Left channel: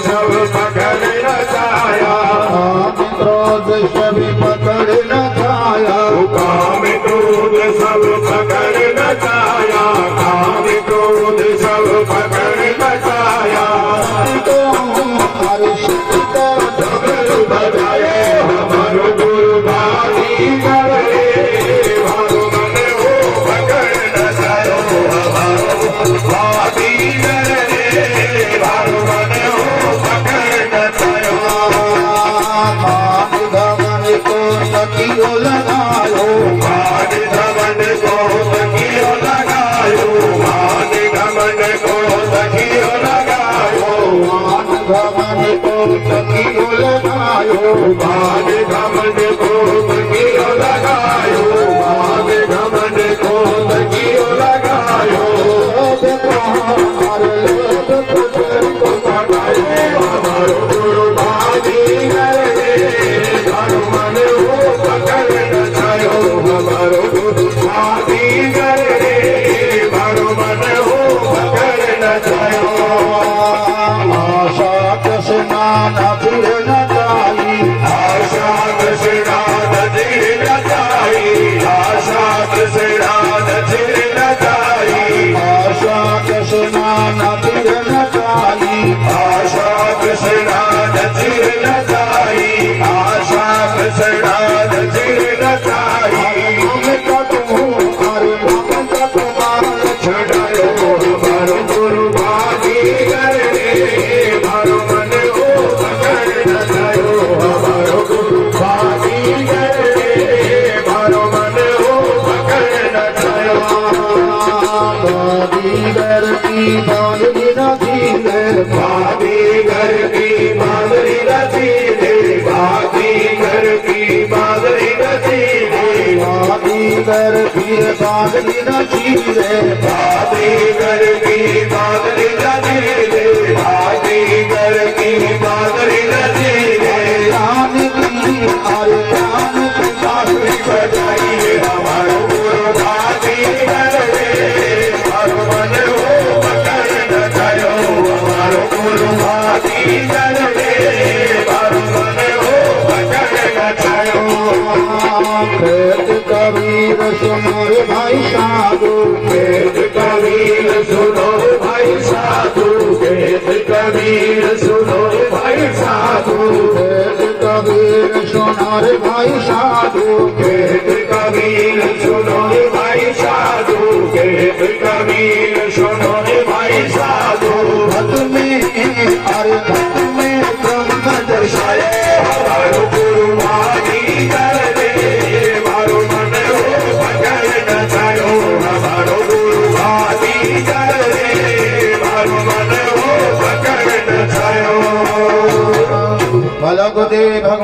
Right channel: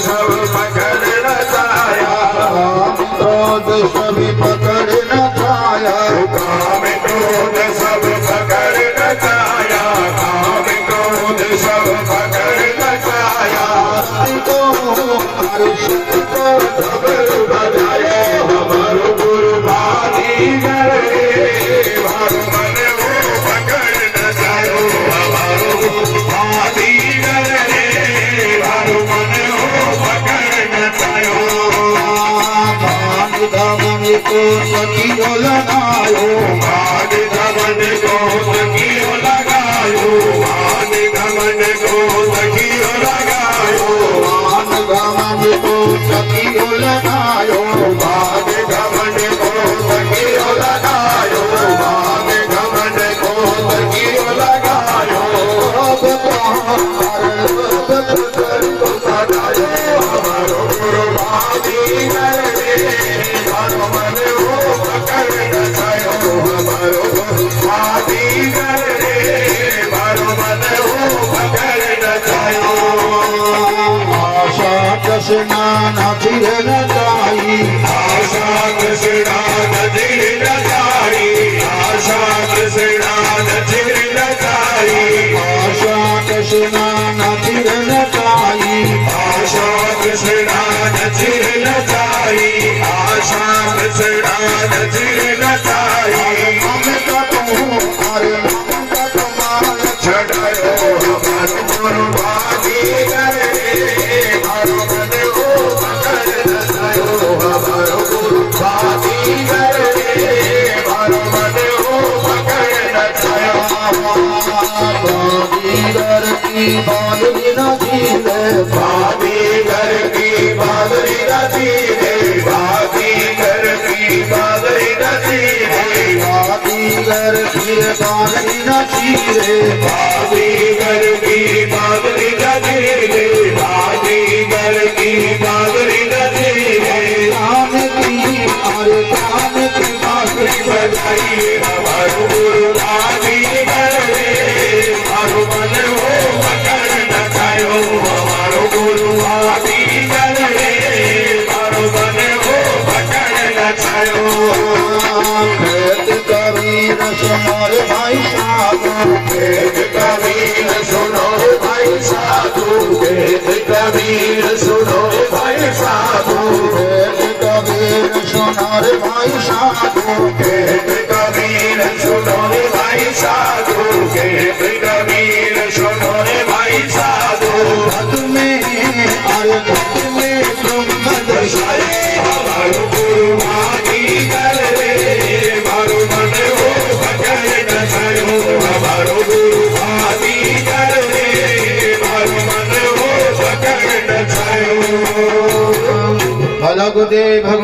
सब पकड़ न पाया, क्रोध सभी पकड़ न पाया, काम क्रोध सब पकड़ न पाया, काम क्रोध सब पकड़ न पाया। तो हर्ष को डमरू बजाए हमारो गुरु भागीगर रे, भारो मन हो पकड़ न जायो हमारो गुरु भागीगर रे, भारो मन हो पकड़ न जायो। मान धमन को सखियो लगायो, मान धमन को सखियो लगायो, मान धमन को सखियो लगायो, मान धमन को सखियो लगायो, मान धमन को सखियो लगायो, मान धमन को सखियो लगायो। हमारो गुरु भागीगर रे, भारो मन हो पकड़ न जायो हमारो गुरु भागीगर रे, भारो मन हो पकड़ न जायो। आशा कृष्णा नचिर न जाई, आशा कृष्णा नचिर न जाई, आशा कृष्णा नचिर न जाई, आशा कृष्णा नचिर न जाई, आशा कृष्णा नचिर न जाई, आशा कृष्णा नचिर न जाई। ममता तू हरे ममता तुम्हारे छटायो हमारो गुरु भागीगर रे, भारो मन हो पकड़ न जायो हमारो गुरु भागीगर रे, भारो मन हो पकड़ न जायो। भागीगर की बांधनी न धीरे, भागीगर की बांधरी नदी रे, भागीगर की बांधरी नदी रे, भागीगर की बांधनी न धीरे, भागीगर की बांधरी नदी रे, भागीगर की बांधरी नदी रे। राम की हरे राम की बांधनी बजाइए हमारो गुरु भागीगर रे, भारो मन हो पकड़ न जायो हमारो गुरु भागीगर रे, भारो मन हो पकड़ न जायो। वेद कबीर सुनो रे भाई साधु, वेद कबीर सुनो रे भाई साधु, वेद कबीर सुनो रे भाई साधु, वेद कबीर सुनो रे भाई साधु, वेद कबीर सुनो रे भाई साधु, वेद कबीर सुनो रे भाई साधु। भक्त में अरे भक्त में ब्रह्म दर्शाया, हमारो गुरु भागीगर रे, भारो मन हो पकड़ न जायो हमारो गुरु भागीगर रे, भारो मन हो पकड़ न जायो। भगवते भगवान